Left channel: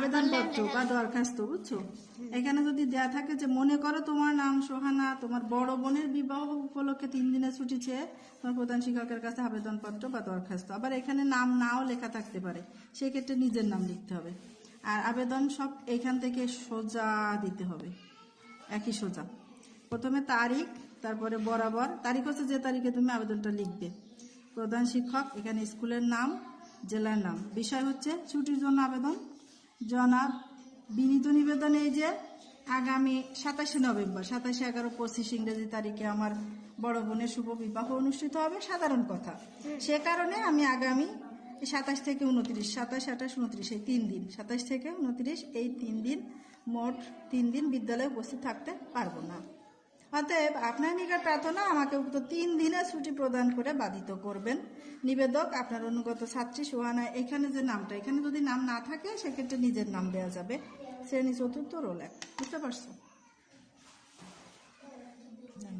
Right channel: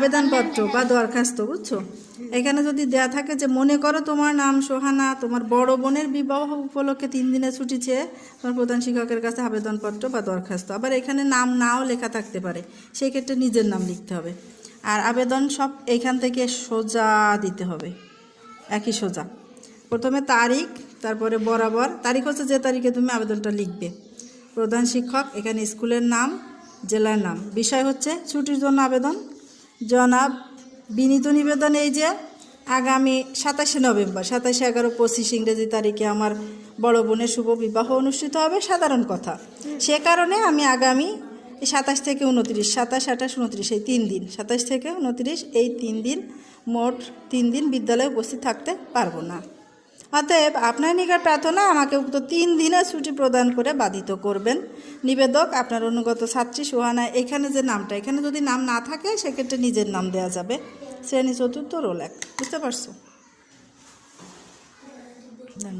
আবেদনপত্র বা দরখাস্ত, বুঝছো? এখানে যদি দেয়া থাকে যে মনে করো তোমার নাম সোহানা, তোমার বড় বোনের বিবাহ উপলক্ষে 3 দিনের ছুটি চেয়ে তোমার প্রধান শিক্ষকের কাছে আবেদনপত্র বা দরখাস্ত। আবার এখানে নাম নাও লেখা থাকতে পারে, সেই ক্ষেত্রে নিজের নাম লিখতে হবে। আর আবেদন সব এইখান থেকে সোজা দিতে হবে, একই সোজা। প্রথমে তারিখ, তারপরে বরাবর তারিখ হচ্ছে যে তারিখে তুমি আবেদনটা লিখবে। প্রধান শিক্ষক, এখানে স্কুলের নাম, জেলার নাম। বিষয় হচ্ছে ছুটির জন্য আবেদন। জনাব, বিনীত নিবেদন এই যে আগামী 27শে নভেম্বর, 27/11/25 ইংরেজি তারিখে আমার বড় বোনের শুভ বিবাহ অনুষ্ঠিত হবে, সাধারণ কথা। সে কারণে আমি আগামী 27 থেকে 29, 27, 28, 29 এই 3 দিন, 27 থেকে 29 এই 3 দিন, মোট 3 দিন বিদ্যালয়ে উপস্থিত থাকতে পারবো না। অতএব আপনার নিকট প্রার্থনা আমাকে উক্ত 3 দিনের ছুটি প্রদান করে বাধিত করবেন। নিবেদক, আপনার অনুগত ছাত্রী সোহানা। এখানে যে নামটা, এখানে যদি নাম না থাকে সেক্ষেত্রে নিজের নাম দেওয়া যাবে। শ্রেণী 4র্থ, রোল 1। বুঝতে পারছো? ধন্যবাদ।